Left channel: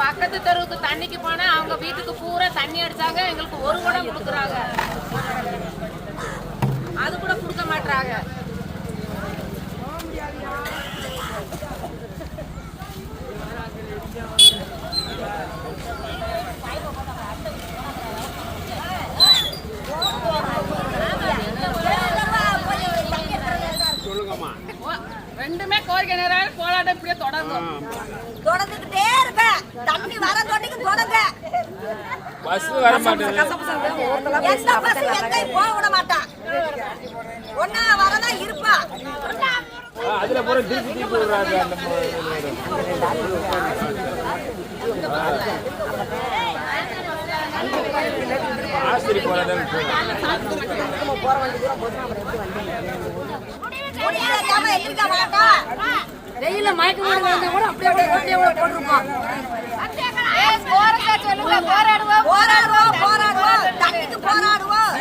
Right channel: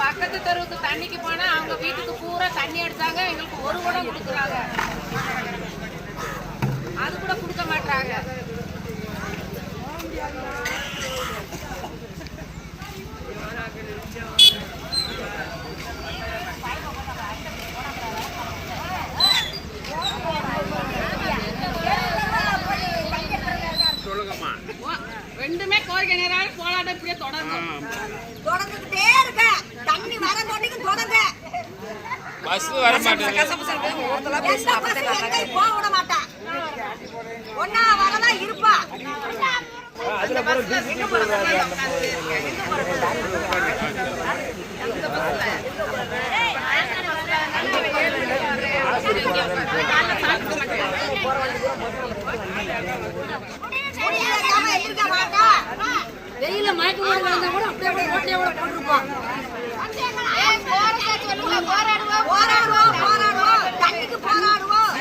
பக்கத்து தெருவுக்கு தண்ணிக்கு போனா அவங்க வீட்டுக்கு பூரா தண்ணி அடிச்சாங்க. எங்களுக்கு ஒரு குடம் கொடுக்குறாங்க, அது கூட கொடுக்க மாட்டாங்க. ரெண்டுமே கோரிக்கை நேரம் போராட்டம் இப்படியே தொடர்ந்துகிட்டே இருக்க. தண்ணி வர தோட்டிக்கு தொடங்க. பஸ் வர மாட்டேங்குது. போக விட மாட்டா. ஒன்னா வரதான் இருப்பா. அதுல போற டிசி போறாங்க. வெயில மயக்க வந்தா கூட அப்படியே ரோட்லயே போட்டுருப்போம். போராடுவோம் தண்ணிக்கு போராடுவோம்.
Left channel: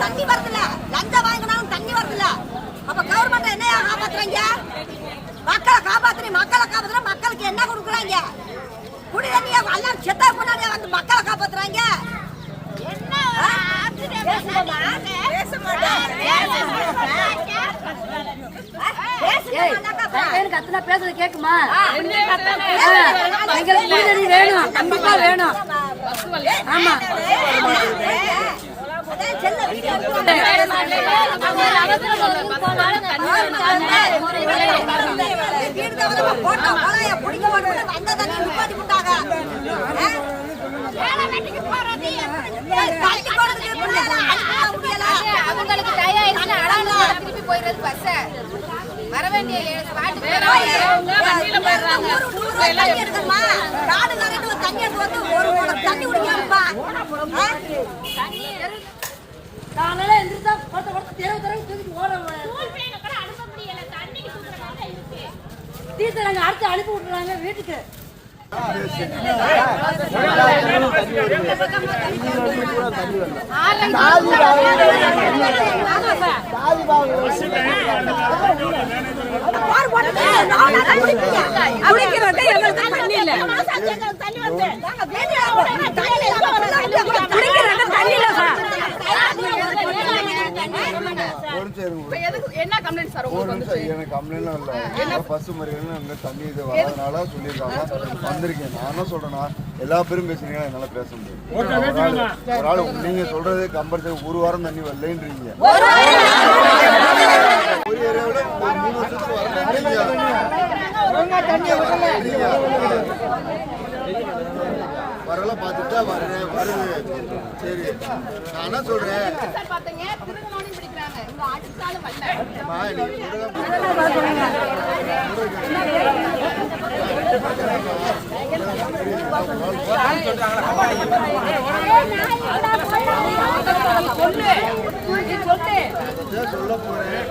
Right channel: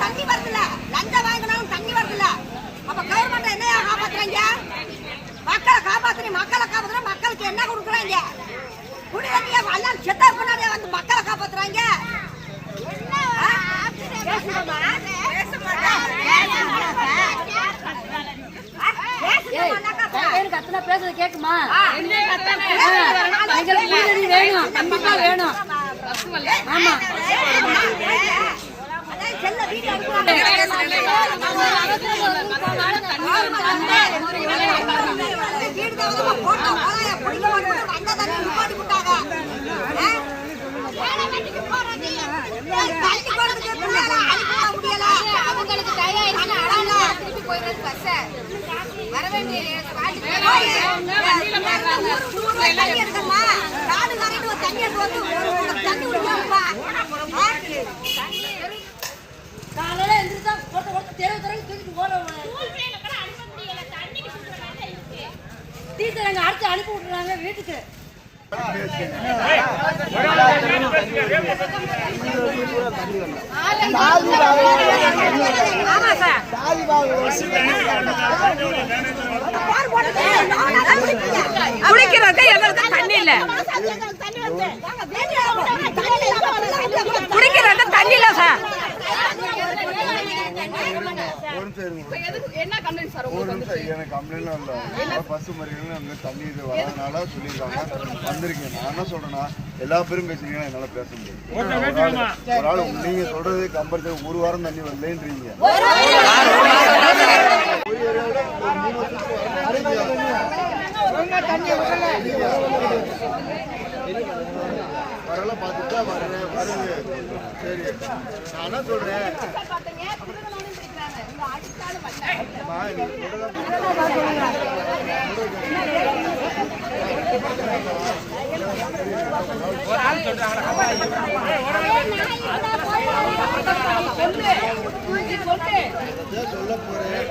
தண்ணி தண்ணி வரல, லஞ்சம் வாங்கினாலும் தண்ணி வரல. அப்ப கவர்மெண்ட் என்ன காப்பாத்துறாங்க? மக்களை காப்பாத்துற மக்களுக்கு என்ன கொடுக்குறாங்க? குடி தண்ணிய எல்லாம் செத்தா முன்னாடியே வந்து மக்களை காப்பாத்துறாங்க. பேசுறது கேக்குமா? வேணும், கண்டிப்பா வேணும். ஆமா அவங்களுக்கு திருப்பி போயிடுறது பஸ் வர வேண்டிய தண்ணி காலையில எந்திரிச்சா தீர்த்தங்க அடுத்து அனுப்பி விட்டுறாங்க வீட்டுக்கு. குடிக்கிறது எங்களுக்கு தண்ணி இல்ல, குடிக்கிறது தண்ணி இல்ல சார். என்ன கம்ப்ளைண்ட் சார் உங்களுக்கு? எனக்கு கம்ப்ளைண்ட்லாம் இல்ல, பஸ் மறியல தண்ணி இது வரதுனால சொல்லியிருக்காங்க வந்திருக்கேன். நான் என்ன சொல்றேன்னா எல்லா பேரும் பேசுறீங்க, என்னால பேச முடியும். ஒரு ஆள் நீங்க சொல்றது கம்பல்சரி ஒரு வாரம் தண்ணி வரலன்றீங்க. ஒரு ஏரியாவில 3 வருஷத்துக்கு வரல பார்த்துட்டா வருது. சரி நான் என்ன சொல்றேன், சொல்ல போறேன்.